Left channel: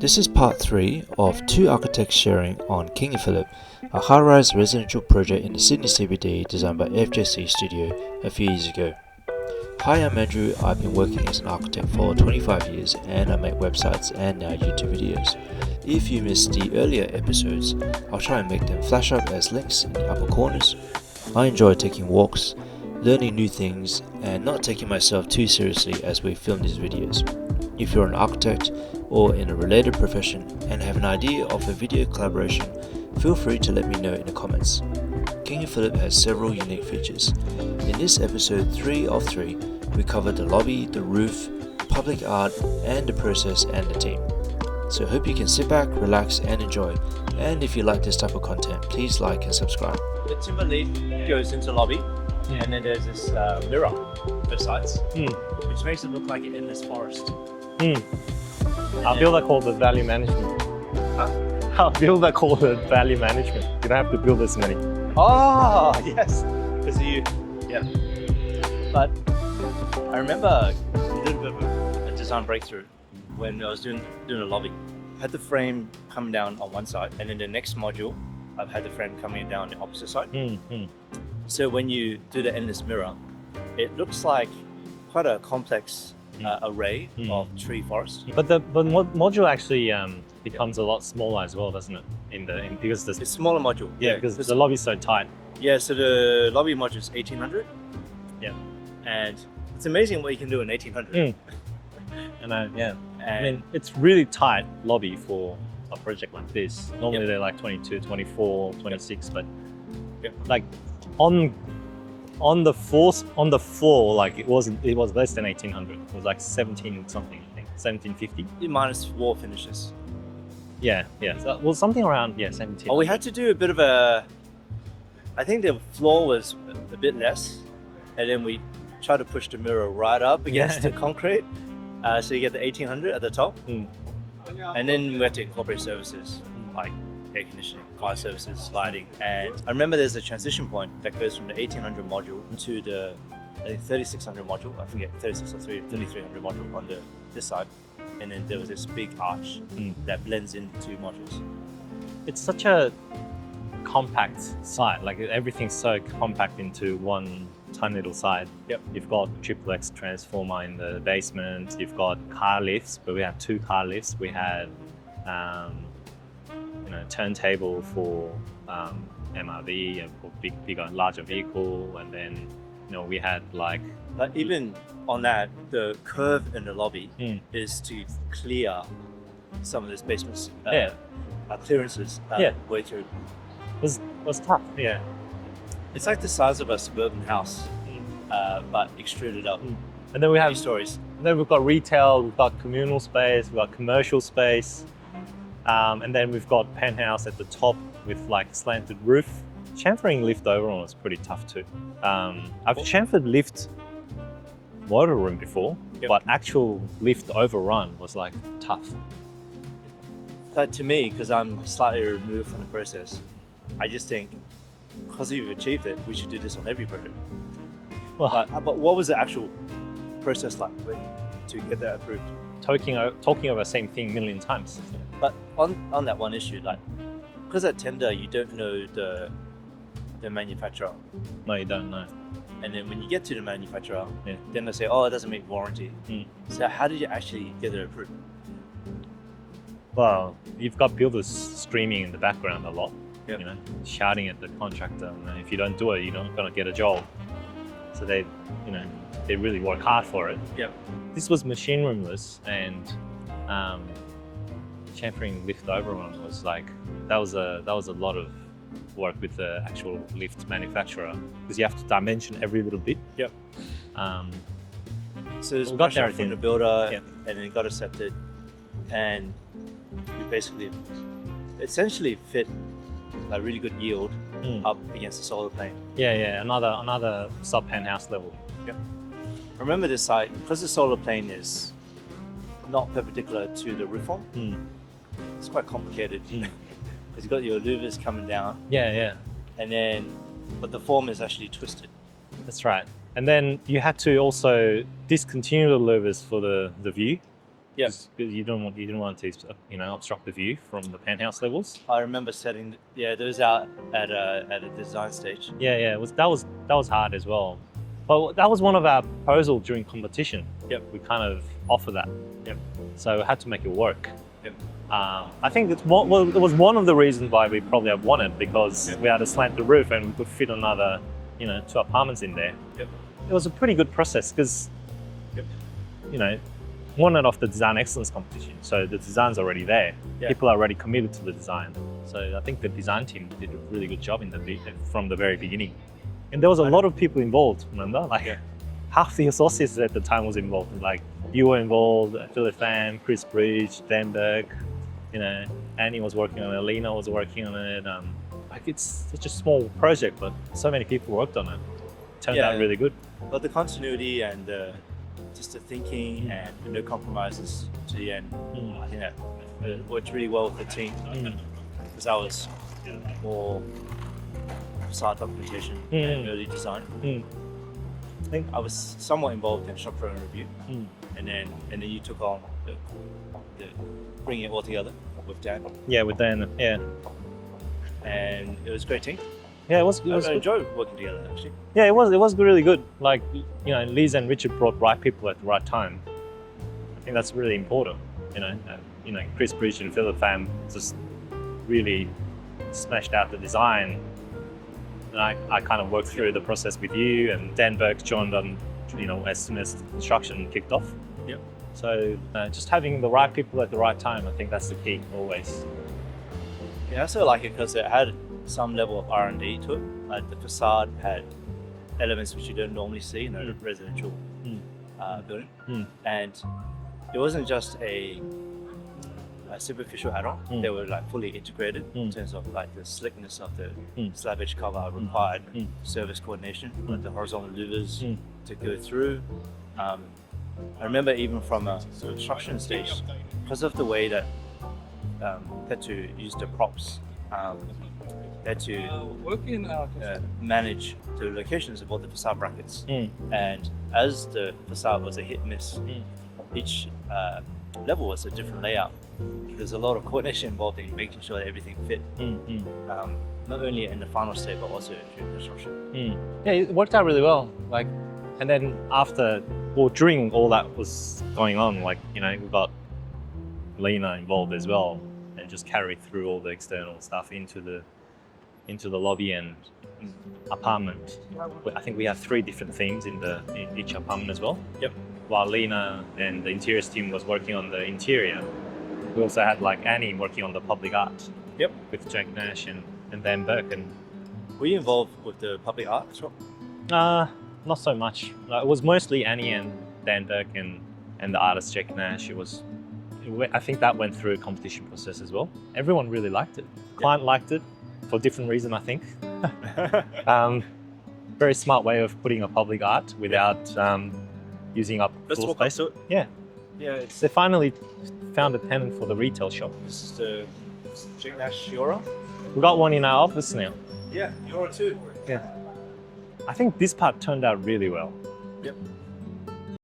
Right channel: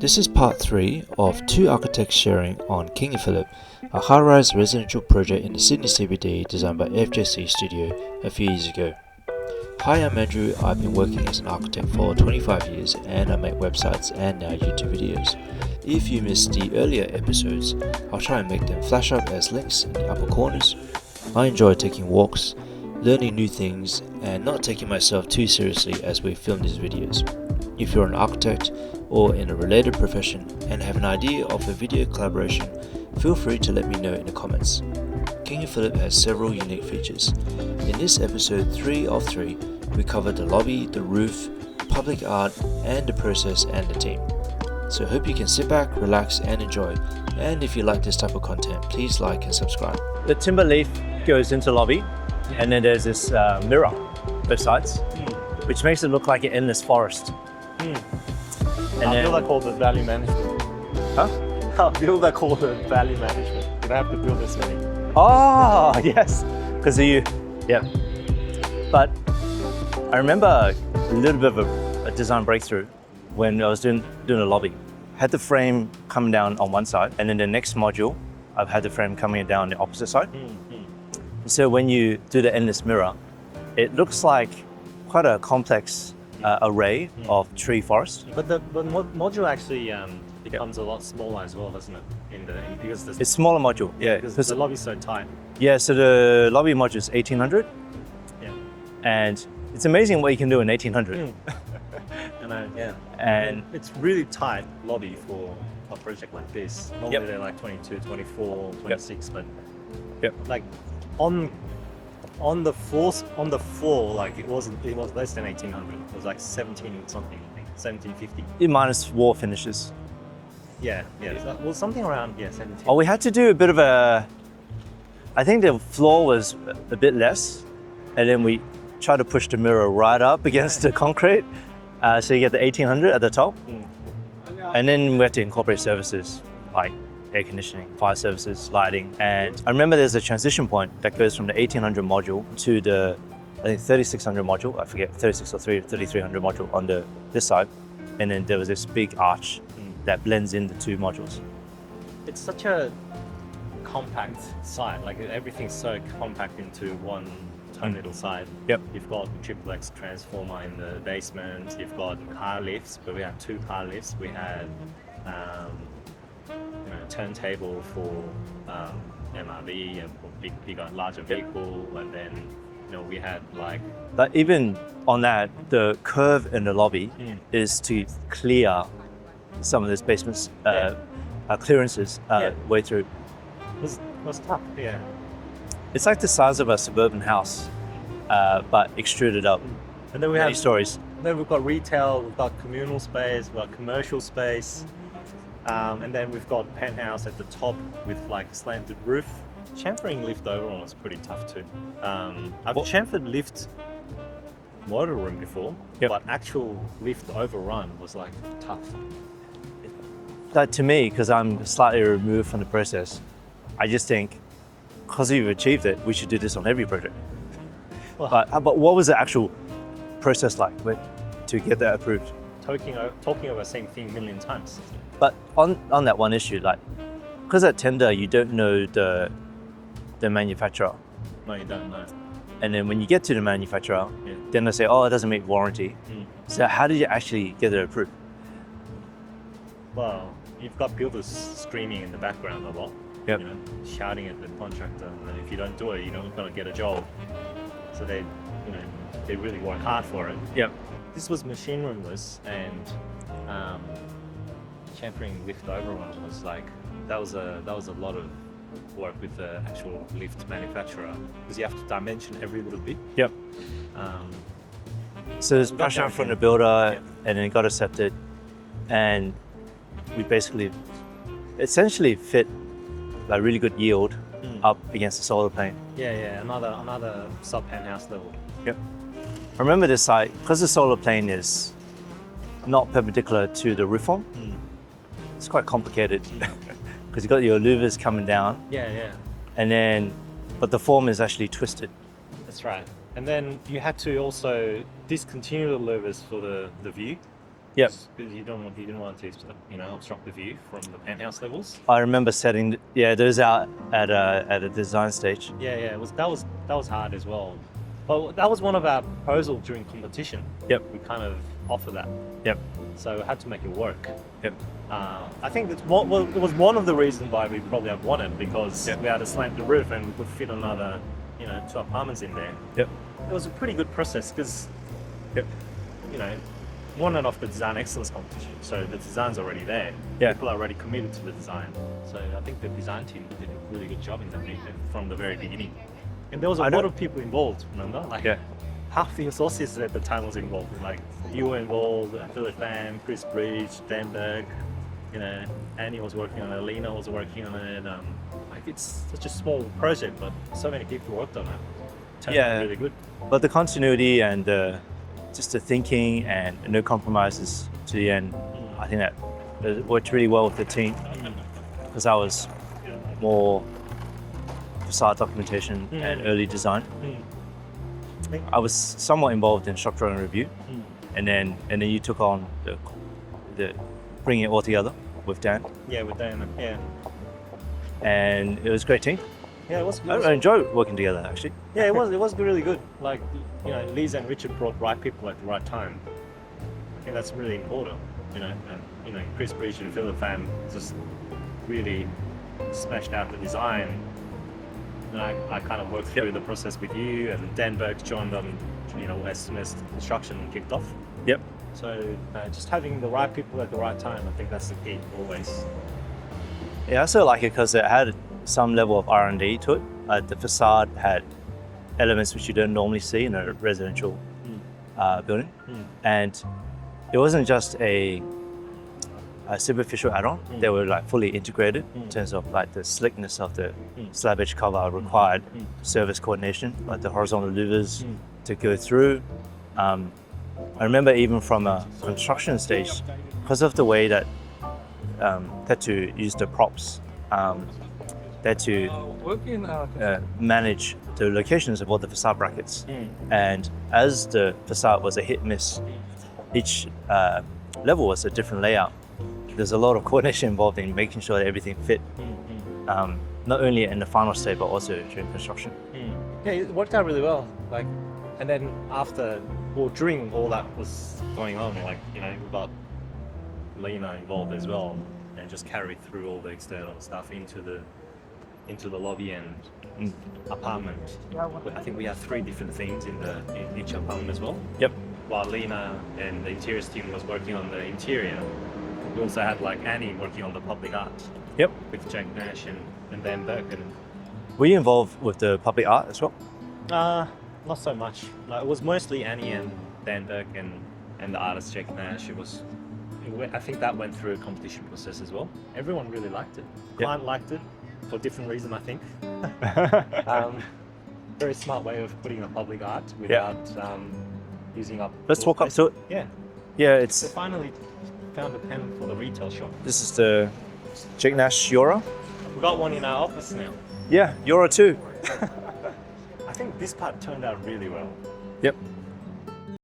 This is part 3 of 2 architects sharing on King and Phillip, a high-rise residential project in the Sydney CBD designed by fjcstudio a few years ago. Hi, I'm Andrew. I've been working as an architect for 25 years and I make websites and now YouTube videos. If you missed the earlier episodes, I'll try and make them flash up as links in the upper corners. I enjoy taking walks, learning new things, and not taking myself too seriously as we film these videos. If you're an architect or in a related profession and have an idea of a video collaboration, feel free to let me know in the comments. King and Phillip has several unique features. In this episode 3 of 3, we cover the lobby, the roof, public art, and the process and the team. So hope you can sit back, relax, and enjoy. And if you like this type of content, please like and subscribe. The timber leaf goes into lobby, and then there's this mirror both sides, which makes it look like an endless forest. I feel that called the value management. Huh? I feel that called the value management. You don't have to build this many. Oh, yes. Because But I remember a little bit of a design breakthrough when I was doing a lobby. Had the frame coming down on one side, and then the next module, I've had the frame coming down the opposite side. So when you do the endless mirror, it looks like quite a complex array of tree forest. But the module actually becomes a lot smaller as well, doesn't it? Because It's smaller module. because the lobby's so tight. Yeah, so the lobby module is 1800. Yeah. And it's amazing what you can do in 1800. And it's really tight lobby for a project like this. Normally they're like 22, 24, 26, but like on the floor, like it was less than 1800. It was like 17 something, I think, 1750. Minus wall finishes. Yeah. Well, something around 17. Oh, we had to do a bit of I think the floor was a bit less, and then we tried to push the mirror right up against the concrete. So you get the 1800 at the top. And then we had to incorporate services like air conditioning, fire services, lighting. And I remember there's a transition point that goes from the 1800 module to the, I think, 3600 module. I forget, 36 or 3300 module on this side. And then there was this big arch that blends in the two modules. It's such a compact site, like everything's so compact into one tiny little side. You've got a triplex transformer in the basement, you've got car lifts, but we have 2 car lifts. We had turntable for MRV, a bigger and larger vehicle, and then we had like even on that, the curve in the lobby is to clear some of this basement's clearances way through. It was tough. It's like the size of a suburban house, but extruded up. And then we have stories. And then we've got retail, we've got communal space, we've got commercial space, and then we've got penthouse at the top with like slanted roof. Chamfering lift overrun was pretty tough too. I've chamfered lift motor room before, but actual lift overrun was like tough. That to me, because I'm slightly removed from the process, I just think, because we've achieved it, we should do this on every project. But what was the actual process like to get that approved? Talking over the same thing a million times. But on that one issue, like, because at tender, you don't know the manufacturer. No, you don't know. And then when you get to the manufacturer, then they say, oh, it doesn't make warranty. So how did you actually get it approved? Well, you've got builders screaming in the background a lot, shouting at the contractor. And if you don't do it, you're not going to get a job. So they really work hard for it. This was machine roomless, and chamfering lift overrun was like that was a lot of work with the actual lift manufacturer, because you have to dimension every little bit. So there's pressure from the builder, and then it got accepted, and we basically essentially fit a really good yield up against the solar plane. Another sub penthouse level. I remember this site, because the solar plane is not perpendicular to the roof form. It's quite complicated because you've got your louvers coming down. But the form is actually twisted. That's right. And then you had to also discontinue the louvers for the view. Yep. Because you didn't want to, obstruct the view from the penthouse levels. I remember setting those out at a design stage. Yeah. That was hard as well. But that was one of our proposals during competition. Yep. We kind of offer that. Yep. So we had to make it work. Yep. I think it was one of the reasons why we probably have won it, because we had to slant the roof and we could fit another, 2 apartments in there. Yep. It was a pretty good process because, won it off the design excellence competition. So the design's already there. Yeah. People are already committed to the design. So I think the design team did a really good job from the very beginning. And there was a lot of people involved, remember? Half the associates at the time was involved. Like you were involved, Philip Pham, Chris Bridge, Dan Burke, Annie was working on it, Lena was working on it. It's such a small project, but so many people worked on it. Turned out really good. But the continuity and just the thinking and no compromises to the end, I think that worked really well with the team, because I was more facade documentation and early design. I was somewhat involved in structural review, and then you took on the bringing it all together with Dan. Yeah, with Dan. Yeah, and it was a great team. Yeah, it was. I enjoy working together actually. Yeah, it was really good. Like Liz and Richard brought right people at the right time. I think that's really important. Chris Bridge and Philip Pham just really smashed out the design. And I kind of worked through the process with you, and Dan Burke joined on, as soon as construction kicked off. Yep. So just having the right people at the right time, I think that's the key always. Yeah, I also like it because it had some level of R&D to it. The facade had elements which you don't normally see in a residential building, and it wasn't just a superficial add-on. They were fully integrated in terms of the slickness of the slab edge cover required service coordination, like the horizontal louvers to go through. I remember even from a construction stage, because of the way that had to use the props, they had to manage the locations of all the facade brackets. And as the facade was a hit-miss, each level was a different layout. There's a lot of coordination involved in making sure that everything fit, not only in the final state, but also during construction. Yeah, it worked out really well. And then during all that was going on, we got Lena involved as well, and just carried through all the external stuff into the lobby and apartment. But I think we have 3 different themes in each apartment as well. Yep. While Lena and the interiors team was working on the interior, we also had Annie working on the public art. Yep. With Jack Nash and Dan Burke. Were you involved with the public art as well? Not so much. It was mostly Annie and Dan Burke and the artist Jack Nash. I think that went through a competition process as well. Everyone really liked it. Client liked it for different reasons, I think. Very smart way of putting a public art without using up. Let's walk up to it. Yeah. Yeah, They finally found a tenant for the retail shop. This is the Jack Nash Euro. We got one in our office now. Yeah, Euro 2. I think this part turned out really well. Yep.